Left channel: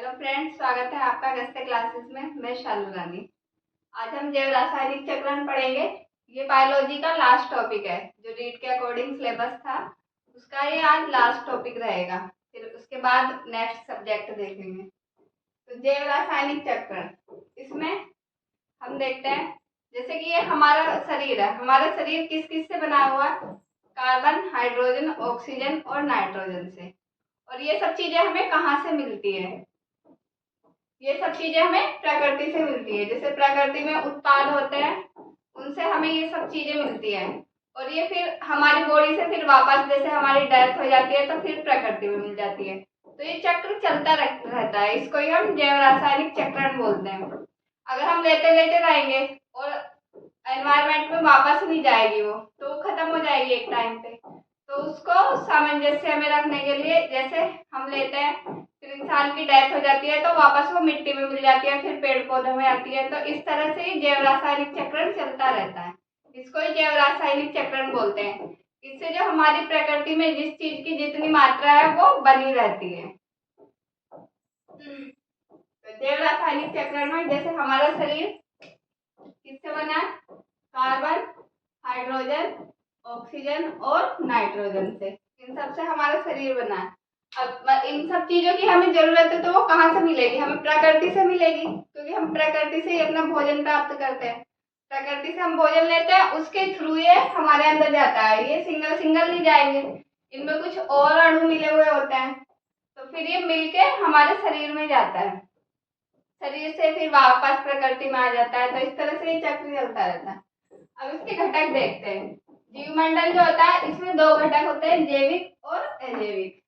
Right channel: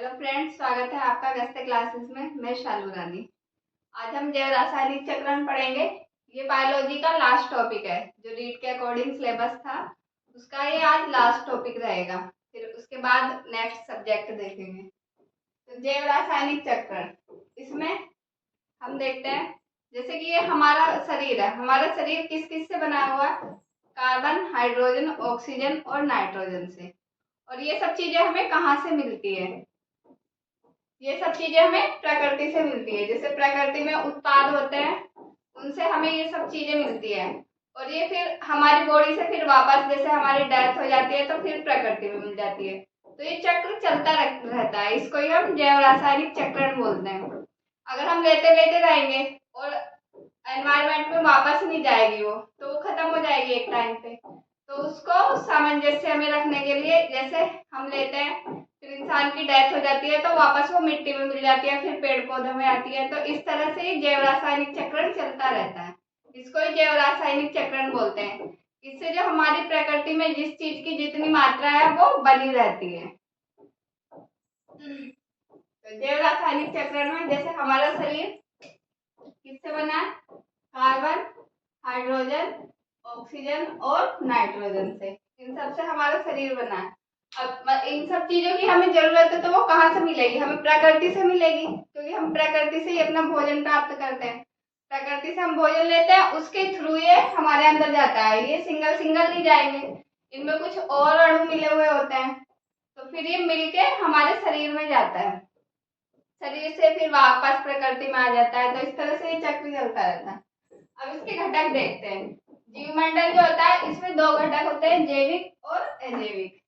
Hello friends, स्वागत है आपका गस्ते क्लासेस में। मैं शालू रानी। आज हम जैव रासायनिक चक्रण पढ़ेंगे। ये बायोलॉजी का लास्ट टॉपिक है, जो रीड के अकॉर्डिंग सिलेबस था उसका ये आज लास्ट टॉपिक रहेगा। फिर उसके बाद नेक्स्ट सब्जेक्ट देखेंगे। तो जैव रासायनिक चक्रण, इसमें हम देखते हैं जैसे कि ये हमारा शरीर है। हमारा शरीर किस किस से बना हुआ है? कार्बन, हाइड्रोजन, ऑक्सीजन और नाइट्रोजन से। और ये सब चीजें हमें कहाँ से मिलती है? ये सब चीजें हमें प्रकृति से मिलती है। जैसे प्रकृति में उत्पाद होते हैं, उनसे हमें ये सब चीजें मिलती है। और ये फिर हमारी बॉडी से फिर वापस, जैसे हमारी डेथ हो जाती है तो फिर प्रकृति में मिल जाती है। तो ये चक्र चलता रहता है। इसको ही हम जैव रासायनिक चक्रण बोलते हैं। अगर हम लेते लेते रहेंगे और एनवायरमेंट में वापस नहीं जाएगी वो, तो वो खत्म हो जाएगी एक टाइम पे। तो उसको सामंजस्य में रखने के लिए, जैसे हम लेते हैं फिर इंसान की डेथ हो जाती है तो वापस वो मिट्टी में मिल जाती है, फिर पेड़ पौधों में आती है। तो इस तरह से ही जैव रासायनिक चक्रण चलता रहता है। इसको ही जैव रासायनिक चक्रण बोलते हैं। इससे जो हमारी प्रकृति में जिस चीज की जितनी मात्रा है वो बनी रहती है। तो जैव रासायनिक चक्रण में जैसे हमारा शरीर किससे बना है? कार्बन, हाइड्रोजन, ऑक्सीजन और नाइट्रोजन से। इन सब से हमारा शरीर बना है। अब इन सब चीजों की हमें जरूरत है तो वो कहाँ से मिलेगी? हमें प्रकृति से मिलेगी, क्योंकि हम प्रकृति से ही अपना भोजन प्राप्त करते हैं। प्रकृति से हम भोजन लेते हैं, उसके थ्रू ये हमारे अंदर जाता है। ये सिंगल सिंगल नहीं जाएंगे, इनमें कुछ और अणु मिले हुए होते हैं। तो फिर ये मिलके हमारे शरीर में जाता है, शरीर से फिर वापस प्रकृति में आ जाता है। तो इस तरह से ये चक्र चलता रहता है। अब इसके घटक देखते हैं। जीवमंडल जो होता है, इसमें दो घटक होते हैं, जैविक और अजैविक।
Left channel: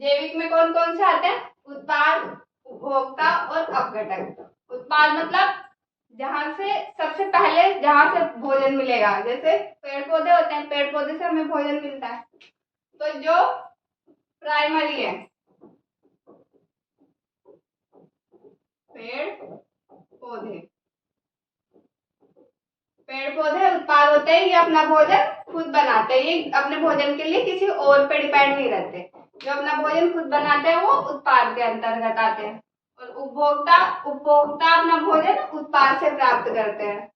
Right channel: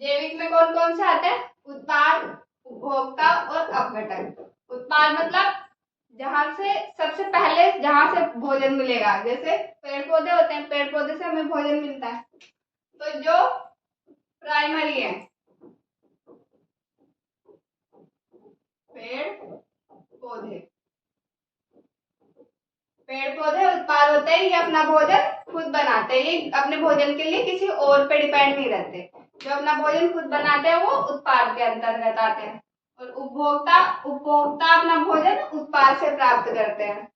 जैविक में कौन कौन से आते हैं? उत्पाद, उपभोक्ता और अपघटक। उत्पाद मतलब जहां से सबसे पहले जहां से भोजन मिलेगा। जैसे पेड़ पौधे होते हैं, पेड़ पौधे से हमें भोजन मिलता है। तो जो प्राइमरी है, पेड़ पौधे, पेड़ पौधे उत्पाद होते हैं। ये अपना भोजन खुद बनाते हैं। ये अपने भोजन के लिए किसी और पे डिपेंड नहीं रहते। जो अपना भोजन खुद बनाते हैं वो उत्पाद के अंतर्गत आते हैं। और उपभोक्ता, उपभोक्ता अपना भोजन उत्पाद से प्राप्त करते हैं।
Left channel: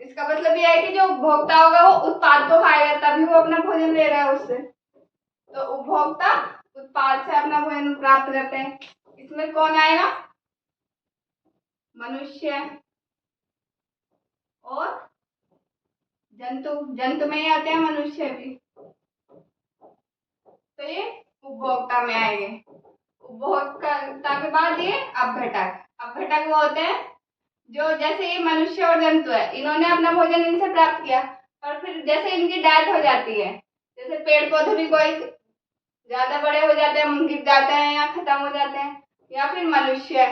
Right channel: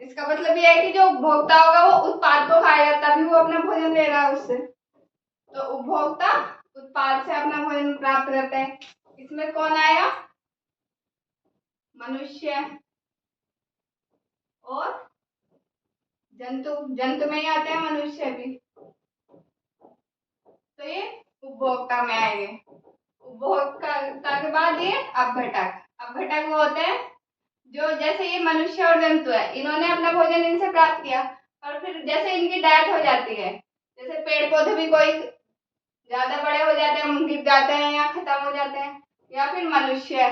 इसका मतलब यह है कि जो उपभोक्ता होगा वो उत्पाद को खाएगा, तभी वो अपना भोजन ले रहा है उससे। तो उपभोक्ता उत्पाद से अपना भोजन प्राप्त करते हैं। इसमें कौन आएगा? मनुष्य और जंतु। जंतु में ही आते हैं मनुष्य भी। तो ये उपभोक्ता में आएंगे। उपभोक्ता के बाद ये अपघटक। अपघटक वो होते हैं जो, जैसे ये मनुष्य और जंतु है, इन्होंने अपना भोजन इनसे प्राप्त किया, और फिर जैसे इनकी डेथ हो जाती है, जैसे पेड़ पौधे भी कोई ज्यादा बड़े हो जाते हैं, गिर जाते हैं या खत्म हो जाते हैं, या फिर मनुष्य,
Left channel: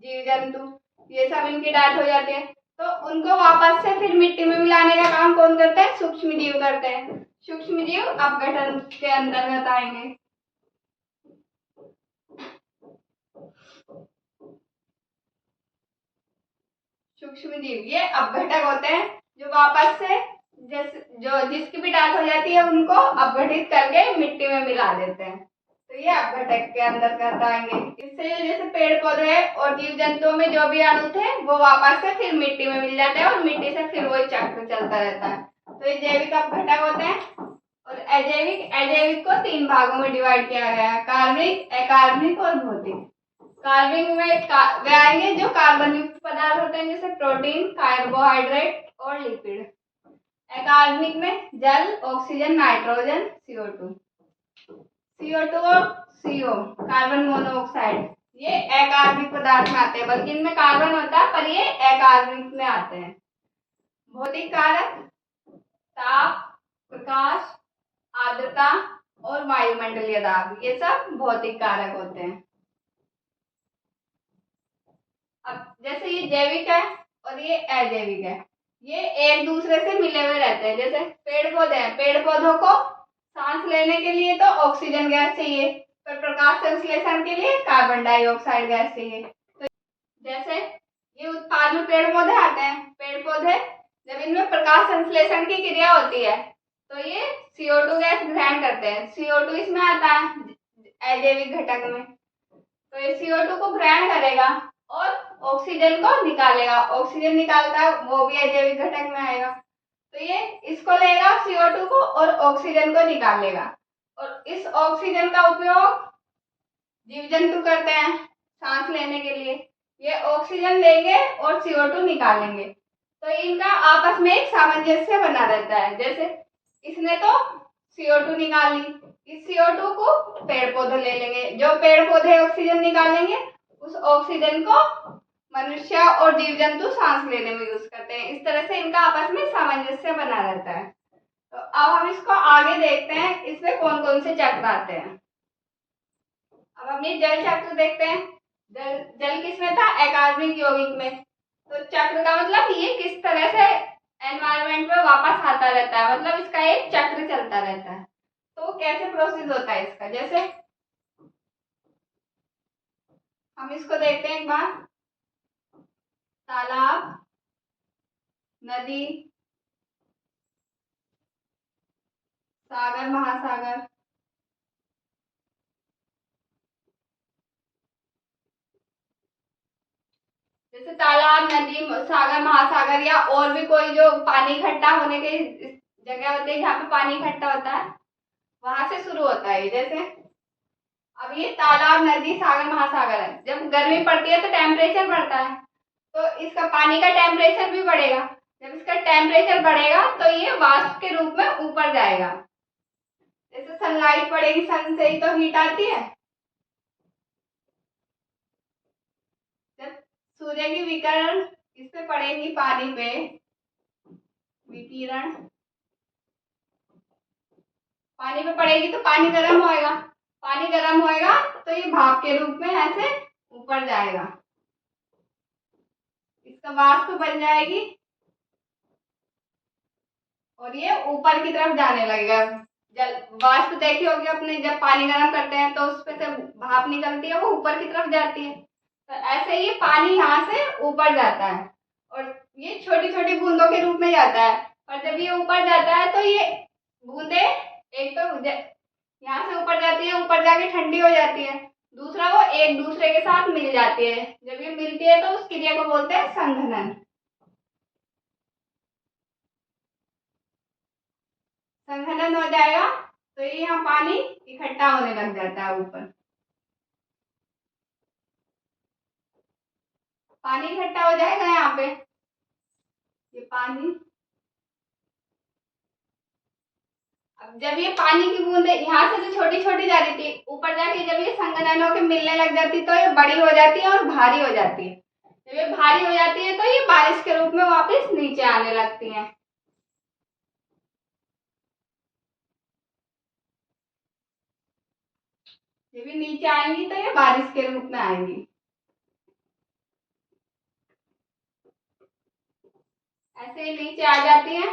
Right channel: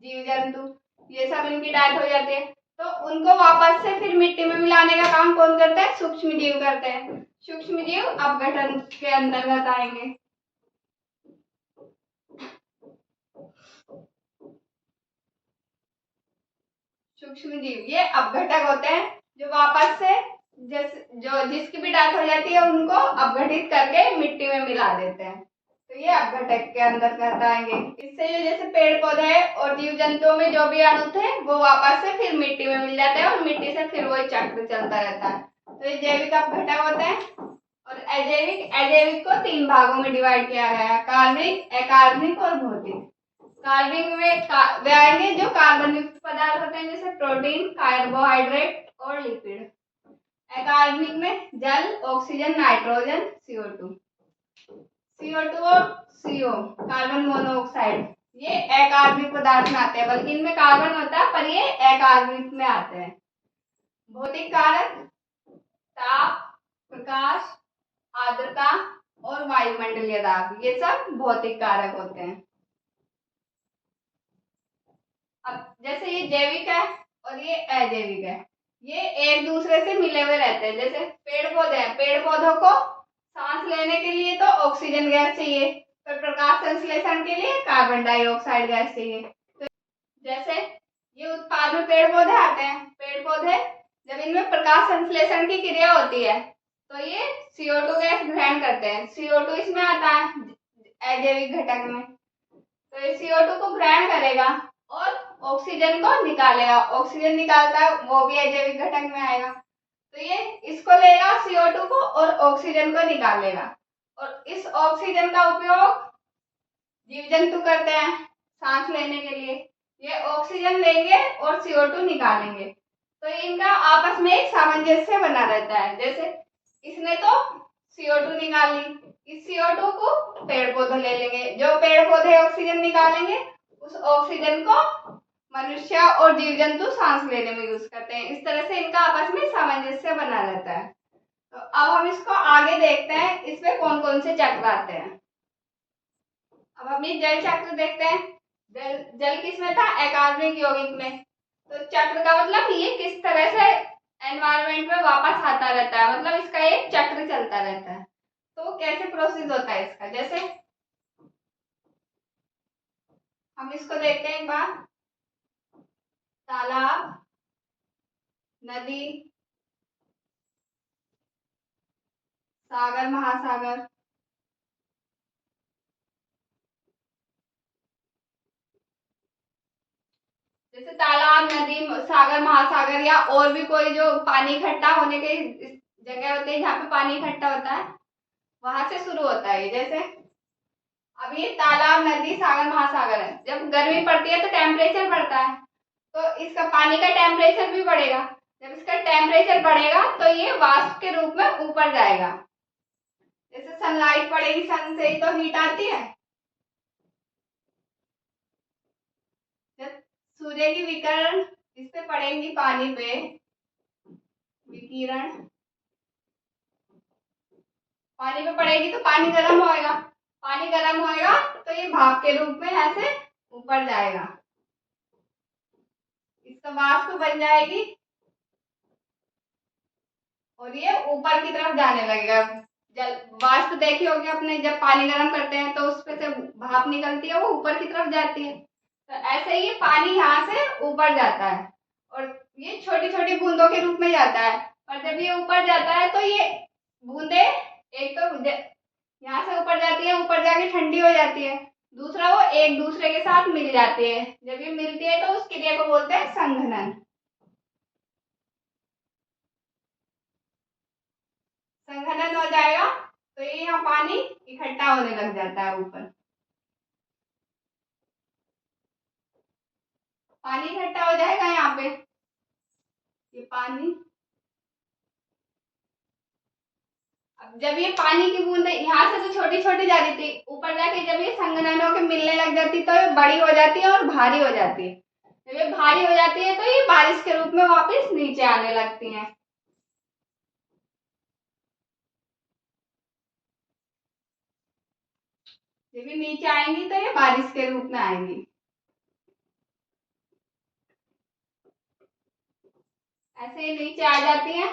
जीव जंतु, ये सब इनकी डेथ हो जाती है, तो उनको वापस से फिर मिट्टी में मिलाने का काम कौन करता है? सूक्ष्म जीव करते हैं। सूक्ष्म जीव अपघटन के अंतर्गत आएंगे। सूक्ष्म जीव ये अपघटक होते हैं, जो वापस से जो जिसकी भी डेथ हो जाती है उनको अपघटित करके मिट्टी में मिला देते हैं। तो ये अपघटक के अंतर्गत आएंगे। इससे जैसे पेड़ पौधे और जीव जंतुओं में जो भी अणु थे वो वापस से फिर मिट्टी में मिल जाते हैं, और मिट्टी से फिर वही चक्र चलता रहता है। तो ये जैविक अपघटक होते हैं। और अजैविक, अजैविक को तीन भागों में डिवाइड किया गया है, कार्बनिक, अकार्बनिक और भौतिक। कार्बनिक में वे आएंगे जो कार्बन युक्त पदार्थ होते हैं, जैसे प्रोटीन, कार्बोहाइड्रेट और लिपिड। अकार्बनिक में जल, ऑक्सीजन, नाइट्रोजन, CO2। CO2 और CO, कार्बन मोनोऑक्साइड, ये अकार्बनिक पदार्थ में आते हैं, बल्कि इनमें कार्बन होता है पर ये अकार्बनिक में आते हैं। भौतिक कारक ताप, प्रकाश, आर्द्रता और वायुमंडलीय दाब, ये सब भौतिक कारक होते हैं। अब जैसे ये जैविक है और ये अजैविक है, ये एक दूसरे से मिले हुए रहते हैं। जैसे पेड़ पौधे हैं, पेड़ पौधों को सांस लेने के लिए तो ऑक्सीजन गैस चाहिए, पर प्रकाश संश्लेषण के लिए कार्बन डाइऑक्साइड गैस चाहिए। तो जैसे ये उत्पाद में पेड़ पौधे आते हैं, पेड़ पौधे जब इनमें प्रकाश संश्लेषण की क्रिया होती है तो ये CO2 गैस ग्रहण करते हैं। CO2 इसमें आता है अजैविक घटक में। तो तो ये CO2 को ग्रहण करेगा और ऑक्सीजन को निकालेगा। ऑक्सीजन निकालता है वो भी अजैविक घटक में आएगा। तो ये इसको लेगा CO2 को और ऑक्सीजन को निकालेगा। और इस ऑक्सीजन का उपयोग जीव जंतु करते हैं सांस लेने के लिए। ये ऑक्सीजन लेंगे और CO2 निकालेंगे। तो इनका आपस में एक सामंजस्य बना रहता है। जैसे इसने तो CO2 निकाल ली, इस CO2 को पेड़ पौधे ले लेंगे, जो पेड़ पौधे ऑक्सीजन निकालेंगे उस ऑक्सीजन को मनुष्य और जीव जंतु सांस लेने में यूज करते हैं। इस तरह से इनका आपस में सामंजस्य बना रहता है। तो अब हम इसको आगे देखते हैं, इसमें कौन कौन से चक्र आते हैं। अब हम ये जल चक्र देखते हैं। जल किसमें था? अकार्बनिक यौगिक में। तो चक्र का मतलब ये किस तरह से एनवायरनमेंट में वापस आता रहता है, मतलब इसका एक चक्र चलता रहता है। तो कैसे प्रोसेस होता है इसका, जैसे हम इसको देखते हैं एक बार। तालाब, नदी, सागर, महासागर। जैसे तालाब, नदी, सागर, महासागर या और भी कोई जो पानी इकट्ठा होने के जगह होती है जहाँ पे पानी इकट्ठा होता है, वहां से शुरू होता है। जैसे अब ये तालाब, नदी, सागर, महासागर है। जब गर्मी पड़ती है तो टेम्परेचर बढ़ता है, तो इसका पानी का टेम्परेचर भी बढ़ेगा। जब इसका टेम्परेचर बढ़ेगा तो ये वाष्प के रूप में ऊपर जाएगा। जैसे सनलाइट पड़ेगी, सन से ही तो हीट आती है। जब सूर्य की विकिरण इस पे पड़ेगी, पानी पे विकिरण पानी पे पड़ेगी तो पानी गर्म होएगा। पानी गर्म होएगा तो ये भाप के रूप में ऐसे ऊपर जाएगा, इसका वाष्प बन जाएगी और ये ऊपर की तरफ जाने लगेगा। जल वाष्प देखी होगी अपने, जब पानी गर्म करते हैं तो उसपे से भाप निकलती है, वो ऊपर की तरफ जाती है। तो ऐसे ही पानी यहाँ से ऊपर जाता है और ये छोटी छोटी बूंदों के रूप में जाता है। और जब ये ऊपर जाता है तो ये बूंदे एक तो यहाँ से ऊपर जाती है, ऊपर जाके ठंडी हो जाती है। दूसरा वो एक दूसरे के साथ मिल जाती है। जब ये मिलती है तो उस क्रिया को बोलते हैं संघनन। संघनन हो जाएगा तो ये यहाँ पानी इकट्ठा होने लग जाता है ऊपर। पानी इकट्ठा हो जाएगा यहाँ पे, ये पानी। अब जब ये पानी की बूंदे यहाँ से तो छोटी छोटी जा रही थी, ऊपर जाके जब ये संघनन होकर मिलने लग जाती तो ये बड़ी हो जाती है और भारी हो जाती है। जब ये भारी हो जाती है तो ये बारिश के रूप में वापस नीचे आने लगती हैं। जब ये नीचे आएंगी तो ये बारिश के रूप में आएंगी। ऐसे ही नीचे आ जाती है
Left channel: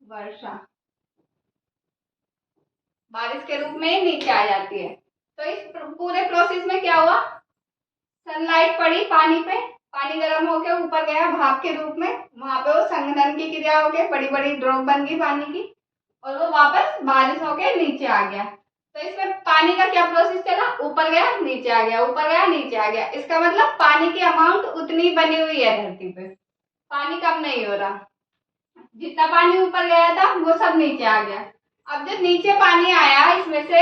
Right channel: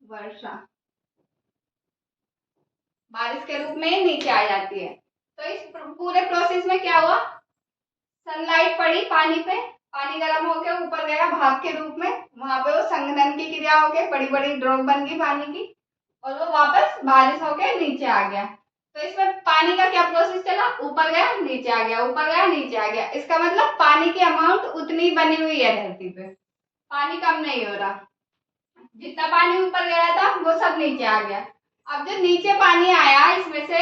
वर्षा, बारिश के रूप में ही नीचे आ जाती है। तो इस पूरे प्रोसेस में क्या हुआ? सनलाइट पड़ी पानी पे, पानी गर्म होके ऊपर गया भाप के रूप में, वहां पे वो संघनन की क्रिया होके बड़ी बड़ी ड्रॉप बन गई पानी की और वो वापस बारिश होके नीचे आ गया। तो इसमें पानी का क्या प्रोसेस चला? ऊपर गया नीचे आ गया, ऊपर गया नीचे आ गया। इसका मतलब पानी की अमाउंट उतनी बनी हुई है धरती पे, पानी कम नहीं हो रहा। जितना पानी ऊपर गया था वो सब नीचे आ गया। अब जो नीचे पानी आया इसमें से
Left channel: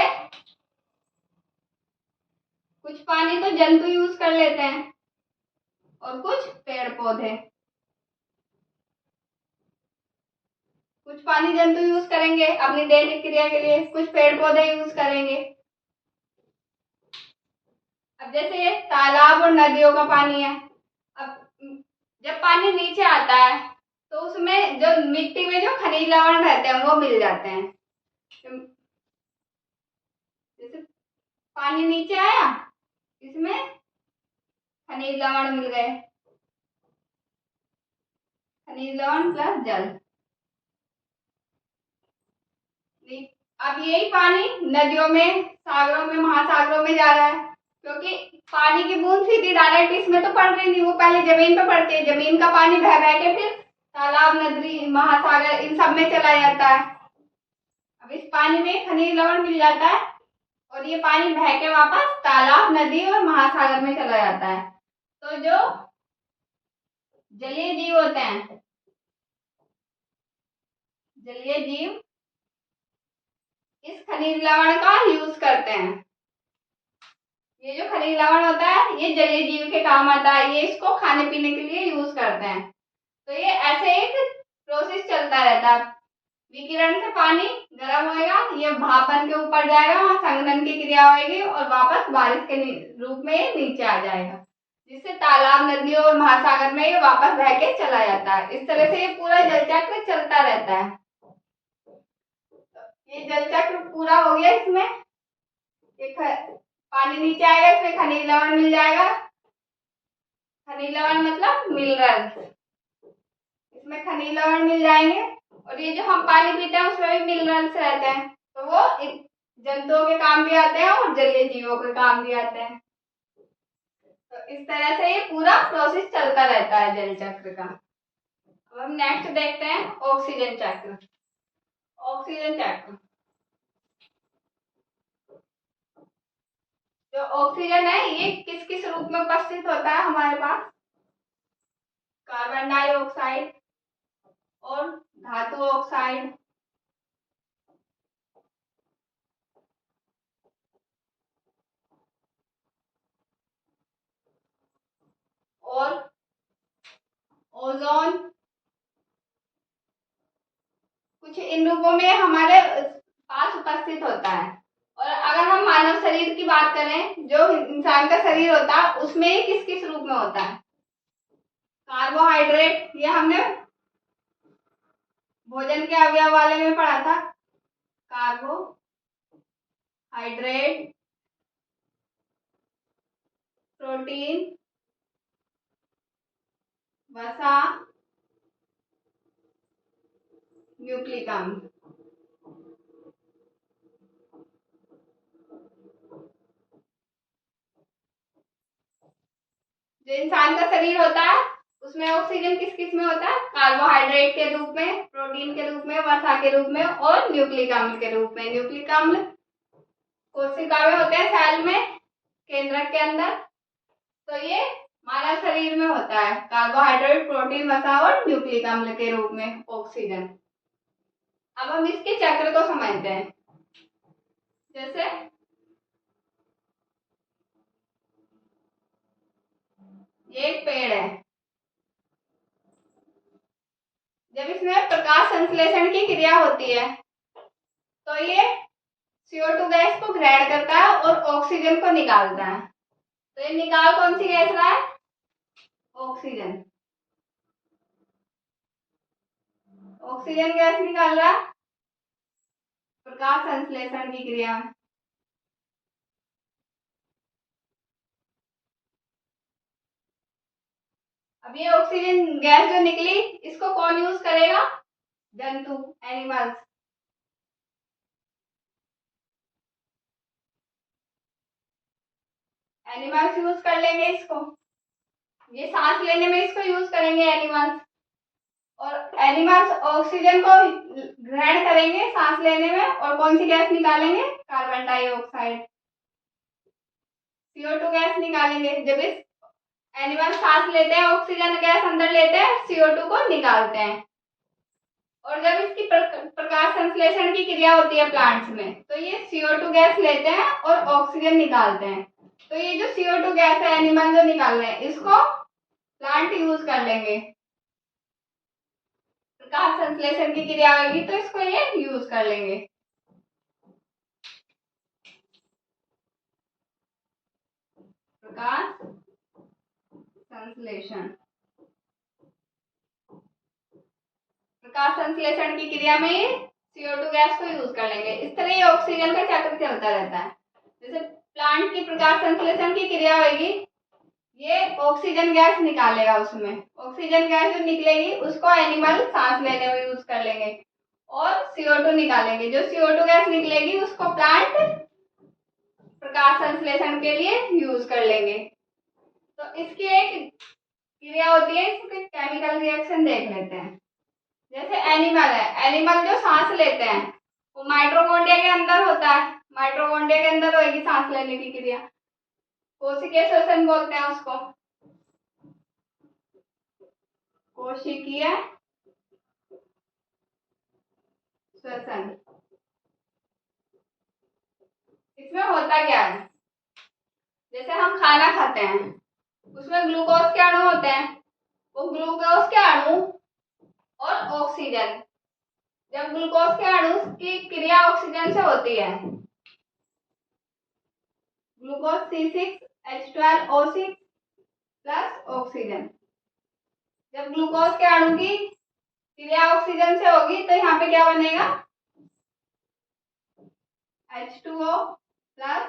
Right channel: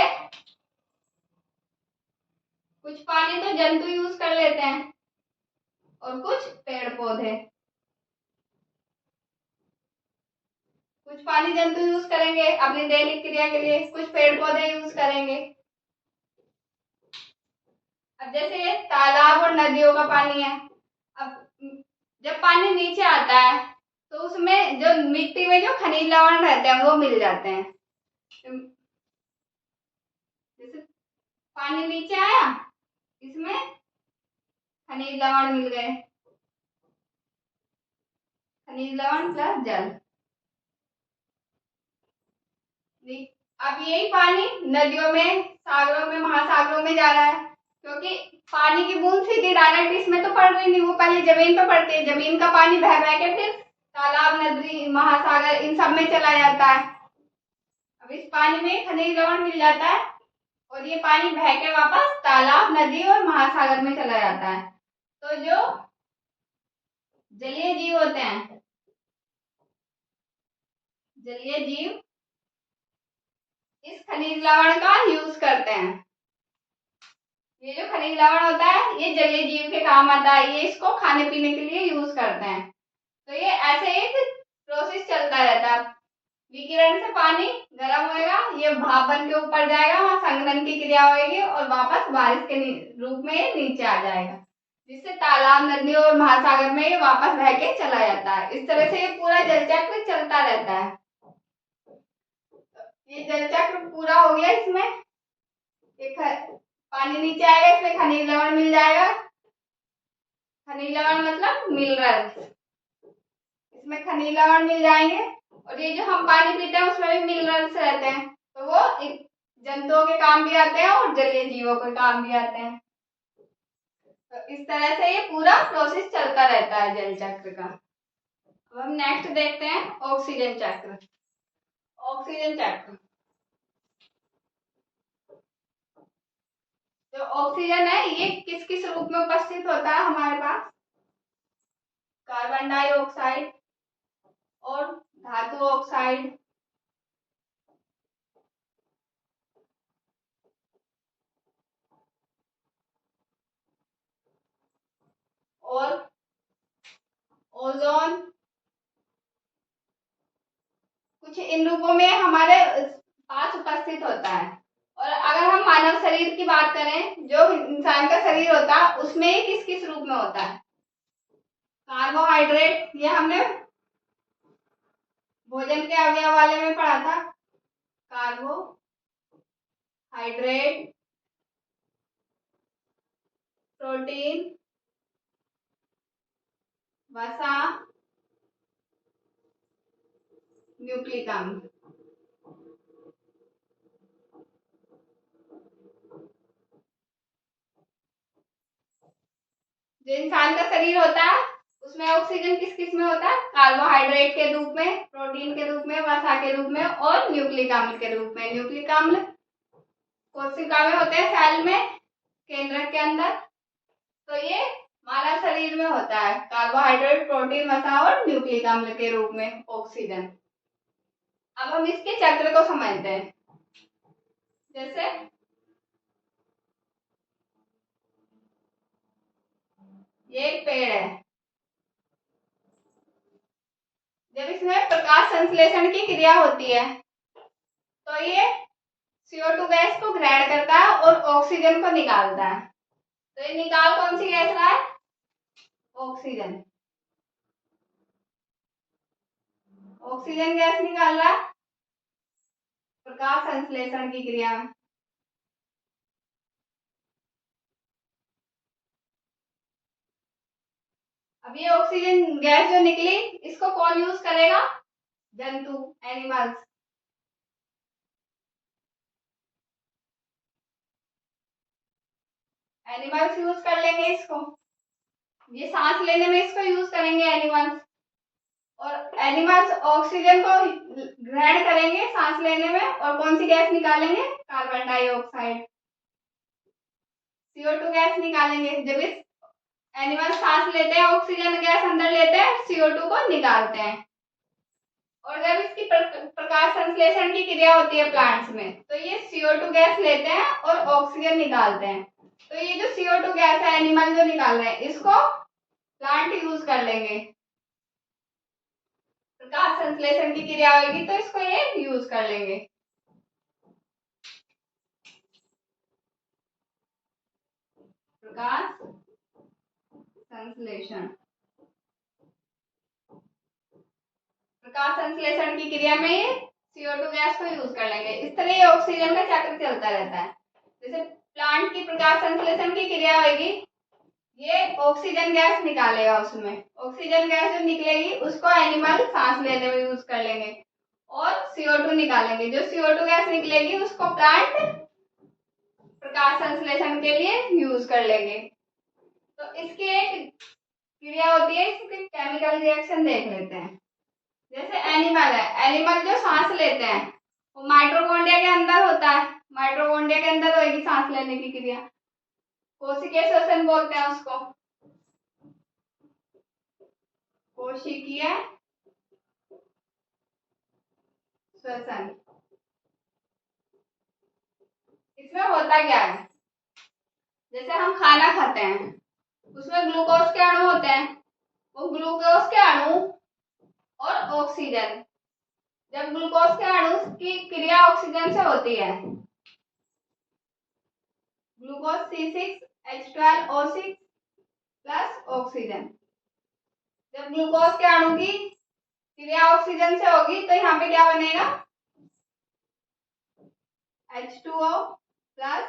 कुछ पानी तो जंतु यूज कर लेते हैं और कुछ पेड़ पौधे। कुछ पानी जंतु यूज करेंगे अपनी दैनिक क्रिया के लिए, कुछ पेड़ पौधे यूज करेंगे। अब जैसे ये तालाब और नदियों का पानी है, अब जब पानी नीचे आता है तो उसमें जो मिट्टी में जो खनिज लवण रहते हैं वो मिल जाते हैं। जैसे पानी नीचे आया, इसमें खनिज लवण मिल गए, खनिज लवण प्लस जल। अब यही पानी नदियों में, सागरों में, महासागरों में जा रहा है, क्योंकि पानी की बूंद सीधी डायरेक्ट इसमें तो पड़ रही नहीं, वो पहले जमीन पे पड़ती है। जमीन का पानी बह बह के फिर तालाब, नदी, महासागर इन सब में चला जाता है। अब इस पानी में खनिज लवण मिल जाता है और और ये पानी बह के वापस तालाब, नदी और महासागर में चला जाता है। तो जो जलीय जीव होते हैं, जलीय जीव इस खनिज लवण का यूज करते हैं। ये जो खनिज लवण होता है ये जलीय जीव के काम आता है, ये इसको खाने पीने के लिए यूज करते हैं। तो ये ऐसे एक प्रोसेस चलता रहता है। विकिरण से पानी गर्म होएगा, ये भाप बन के ऊपर जाएगा, वहां संघनन की क्रिया होगी और वापस बारिश के रूप में ये नीचे आ जाएगा, जिससे तालाब, नदी और महासागर में ये वापस बह के चला जाता है। इस तरह से ये पूरा जल चक्र चलता रहता है। ये जल चक्र पूरा हो गया। इसमें एक पानी नीचे आएगा, इसमें खनिज लवण मिल जाएगा। खनिज लवण मतलब मिनरल्स, इसमें खनिज लवण मिल जाएंगे और ये जो हम पानी पीते हैं उसमें भी मिनरल्स रहते हैं, तो वो जंतुओं के काम भी आते हैं और जलीय जीवों के काम भी आते हैं। तो इस तरह से ये पूरा प्रोसेस चलता रहता है जल चक्र का। अब हम नेक्स्ट देखते हैं ऑक्सीजन चक्र। ऑक्सीजन चक्र, जो ऑक्सीजन है ये किस किस रूप में उपस्थित होता है हमारे पास? कार्बन डाइऑक्साइड और धातु ऑक्साइड और ओजोन, कुछ इन रूपों में हमारे पास उपस्थित होता है। और अगर हम मानव शरीर की बात करें, जो इंसान का शरीर होता है उसमें ये किस किस रूप में होता है? कार्बोहाइड्रेट, ये हमने भोजन के अवयव वाले में पढ़ा था। कार्बोहाइड्रेट, प्रोटीन, वसा, न्यूक्लिक अम्ल। जो इंसान का शरीर होता है उसमें ऑक्सीजन किस किस में होता है? कार्बोहाइड्रेट के रूप में, प्रोटीन के रूप में, वसा के रूप में और न्यूक्लिक अम्ल के रूप में। न्यूक्लिक अम्ल कोशिका में होते हैं, सेल में, केंद्रक के अंदर। तो ये मानव शरीर में होता है कार्बोहाइड्रेट, प्रोटीन, वसा और न्यूक्लिक अम्ल के रूप में ऑक्सीजन। अब हम इसके चक्र को समझते हैं। जैसे ये एक पेड़ है, जब इसमें प्रकाश संश्लेषण की क्रिया होती है तो ये CO2 गैस को ग्रहण करता है और ऑक्सीजन को निकालता है। तो ये निकाल कौन सी गैस रहा है? ऑक्सीजन। ऑक्सीजन गैस निकाल रहा है प्रकाश संश्लेषण की क्रिया में। अब ये ऑक्सीजन गैस जो निकली इसको कौन यूज करेगा? जंतु, एनिमल्स। एनिमल्स यूज कर लेंगे इसको, ये सांस लेने में इसको यूज करेंगे एनिमल्स। और एनिमल्स ऑक्सीजन को ग्रहण करेंगे सांस लेने में और कौन सी गैस निकालेंगे? कार्बन डाइऑक्साइड, CO2 गैस निकालेंगे। जब इस एनिमल सांस लेते हैं, ऑक्सीजन गैस अंदर लेते हैं, CO2 को निकालते हैं। और जब इसकी प्रकाश संश्लेषण की क्रिया होती है प्लांट्स में, तो ये CO2 गैस लेते हैं और ऑक्सीजन निकालते हैं। तो ये जो CO2 गैस है एनिमल जो निकाल रहे हैं, इसको प्लांट यूज कर लेंगे। प्रकाश संश्लेषण की क्रिया होगी तो इसको ये यूज कर लेंगे। प्रकाश संश्लेषण, प्रकाश संश्लेषण की क्रिया में ये CO2 गैस को यूज कर लेंगे। इस तरह ये ऑक्सीजन का चक्र चलता रहता है। जैसे प्लांट की प्रकाश संश्लेषण की क्रिया होगी, ये ऑक्सीजन गैस निकालेगा, उसमें ऑक्सीजन गैस जो निकलेगी उसको एनिमल सांस लेने में यूज कर लेंगे और CO2 निकालेंगे। जो CO2 गैस निकलेगी उसको प्लांट प्रकाश संश्लेषण के लिए यूज कर लेंगे। तो इसकी एक क्रिया होती है, इसकी केमिकल रिएक्शन देख लेते हैं। जैसे एनिमल है, एनिमल जो सांस लेते हैं वो माइटोकॉन्ड्रिया के अंदर होता है। माइटोकॉन्ड्रिया के अंदर होगी सांस लेने की क्रिया, कोशिकीय श्वसन बोलते हैं उसको, कोशिकीय श्वसन। इसमें होता क्या है, जैसे हम खाना खाते हैं उसमें ग्लूकोज के अणु होते हैं, वो ग्लूकोज के अणु और ऑक्सीजन, जब ग्लूकोज के अणु की क्रिया ऑक्सीजन से होती है, ग्लूकोज C6H12O6 प्लस ऑक्सीजन, जब ग्लूकोज के अणु की क्रिया ऑक्सीजन से होगी तो यहाँ पे क्या बनेगा, H2O प्लस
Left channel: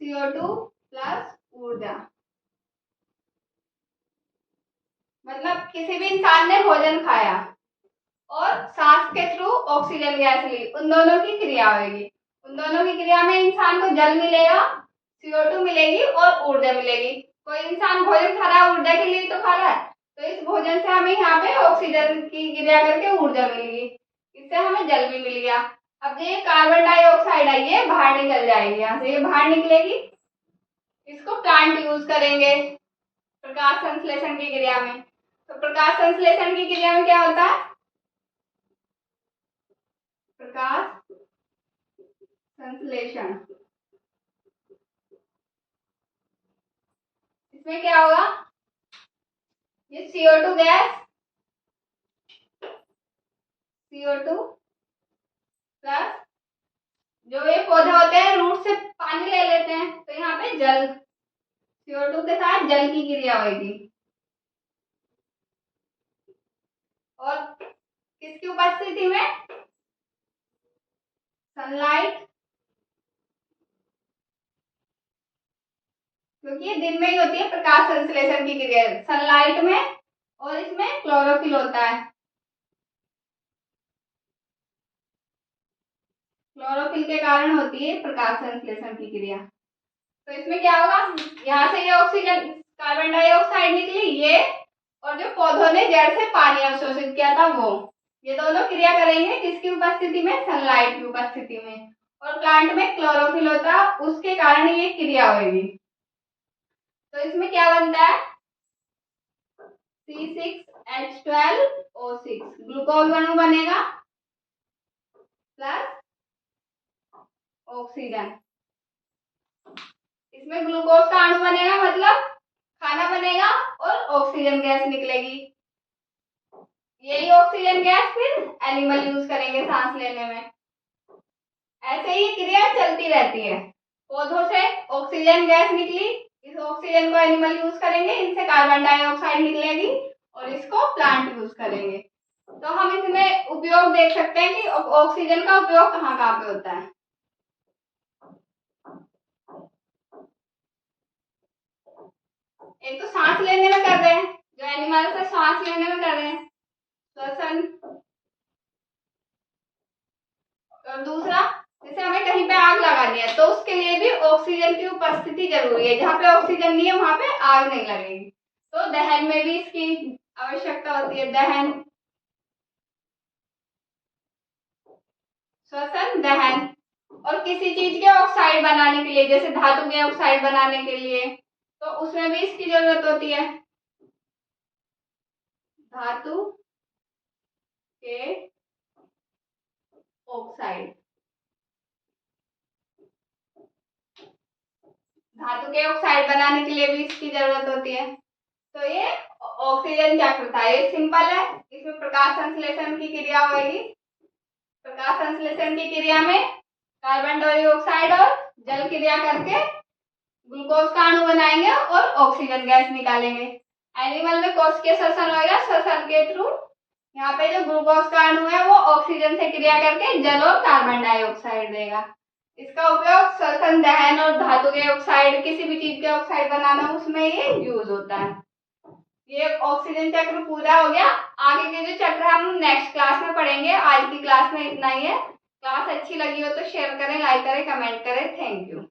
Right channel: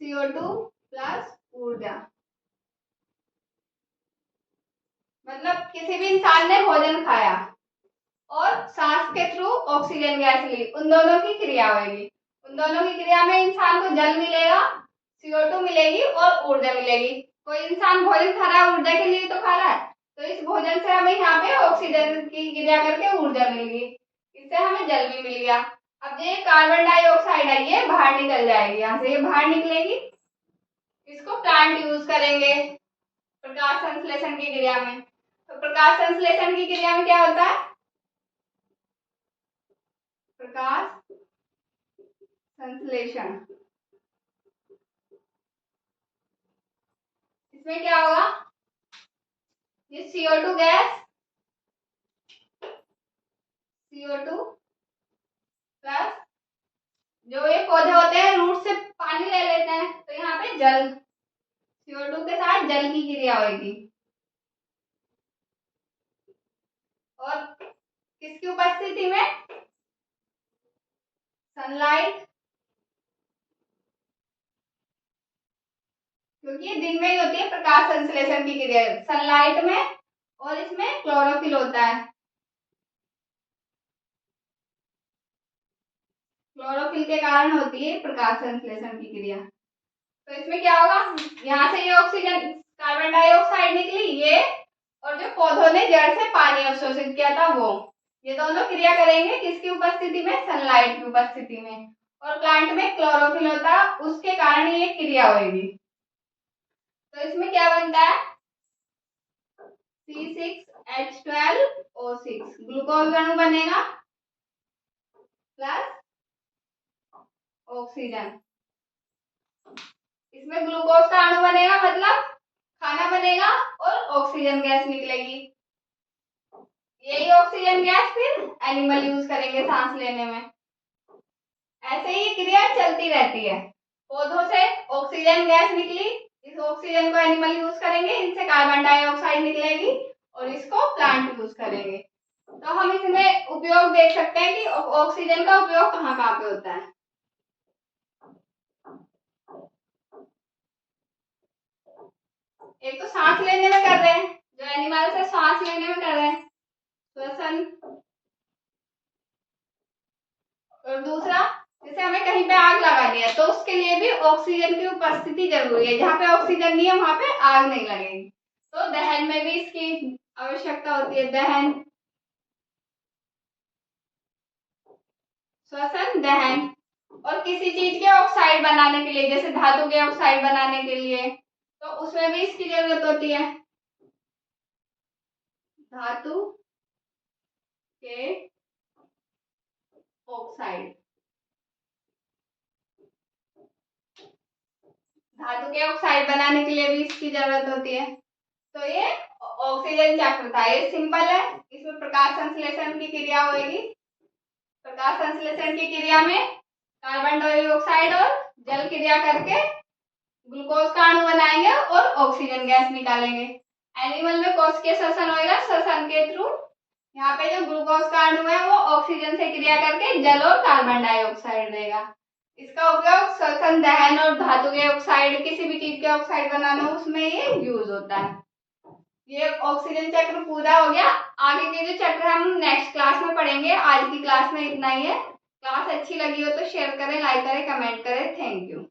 CO2 प्लस ऊर्जा। मतलब किसी भी इंसान ने भोजन खाया और सांस के थ्रू ऑक्सीजन गैस ली, उन दोनों की क्रिया होगी, उन दोनों की क्रिया में इंसान को जल मिलेगा, CO2 मिलेगी और ऊर्जा मिलेगी। कोई इंसान भोजन खा रहा है ऊर्जा के लिए तो खा रहा है, तो इस भोजन से हमें यहाँ पे ऑक्सीजन की क्रिया करके ऊर्जा मिलेगी, इससे हमें जल भी मिल गया। अब ये कार्बन डाइऑक्साइड है ये बाहर निकल जाएगी, यहाँ से ये बाहर निकलेगी, इसको प्लांट यूज करेंगे प्रकाश संश्लेषण की क्रिया में। तो प्रकाश संश्लेषण की क्रिया में क्या होता है, प्रकाश संश्लेषण, इसमें क्या होगा, ये CO2 गैस, CO2 प्लस जो ये पौधे होते हैं रूट से पानी ले लेते हैं, तो यहाँ पे जल, CO2 के साथ जल की क्रिया होगी, और किसकी उपस्थिति में, सनलाइट, क्योंकि ये दिन में ही होती है प्रकाश संश्लेषण की क्रिया, सनलाइट में, और इसमें क्लोरोफिल होता है, क्लोरोफिल के कारण होती है प्रकाश संश्लेषण की क्रिया। तो इसमें क्या होगा, यहाँ से ये ऑक्सीजन कार्बन डाइऑक्साइड निकली ये, और जो पौधों ने जड़ से पानी अवशोषित किया था वो, ये दोनों क्रिया करेंगे किसकी उपस्थिति में, सनलाइट की उपस्थिति में, और प्लांट में क्लोरोफिल होता उसके कारण ये क्रिया होगी। तो इसमें क्या बनता है, C6H12O6 ग्लूकोज अणु बनेगा प्लस ऑक्सीजन, इसमें ग्लूकोज का अणु बनेगा मतलब खाना बनेगा और ऑक्सीजन गैस निकलेगी, यही ऑक्सीजन गैस फिर एनिमल यूज करेंगे सांस लेने में। ऐसे ही क्रिया चलती रहती है, पौधों से ऑक्सीजन गैस निकली, इस ऑक्सीजन को एनिमल यूज करेंगे, इनसे कार्बन डाइऑक्साइड निकलेगी और इसको प्लांट यूज करेंगे। तो हम इसमें उपयोग देख सकते हैं कि ऑक्सीजन का उपयोग कहाँ कहाँ पे होता है। एक तो सांस लेने में कर रहे हैं, जो एनिमल्स है सांस लेने में कर रहे हैं श्वसन, और दूसरा जैसे हमें कहीं पे आग लगा लिया तो उसके लिए भी ऑक्सीजन की उपस्थिति जरूरी है, जहाँ पे ऑक्सीजन नहीं है वहां पे आग नहीं लगेगी, तो दहन में भी इसकी आवश्यकता होती है, दहन, श्वसन, दहन, और किसी चीज के ऑक्साइड बनाने के लिए, जैसे धातु के ऑक्साइड बनाने के लिए, तो उसमें भी इसकी जरूरत होती है, धातु के ऑक्साइड, धातु के ऑक्साइड बनाने के लिए भी इसकी जरूरत होती है। तो ये ऑक्सीजन चक्र था, ये सिंपल है, इसमें प्रकाश संश्लेषण की क्रिया होगी, प्रकाश संश्लेषण की क्रिया में कार्बन डाइऑक्साइड और जल क्रिया करके ग्लूकोज का अणु बनाएंगे और ऑक्सीजन गैस निकालेंगे। एनिमल में कोशिकीय श्वसन होगा, श्वसन के थ्रू यहाँ पे जो ग्लूकोज का अणु है वो ऑक्सीजन से क्रिया करके जल और कार्बन डाइऑक्साइड देगा। इसका उपयोग श्वसन, दहन और धातु के ऑक्साइड, किसी भी चीज के ऑक्साइड बनाना उसमें ये यूज होता है। ये ऑक्सीजन चक्र पूरा हो गया, आगे के जो चक्र हम नेक्स्ट क्लास में पढ़ेंगे। आज की क्लास में इतना ही है। क्लास अच्छी लगी हो तो शेयर करें, लाइक करें, कमेंट करें। Thank you.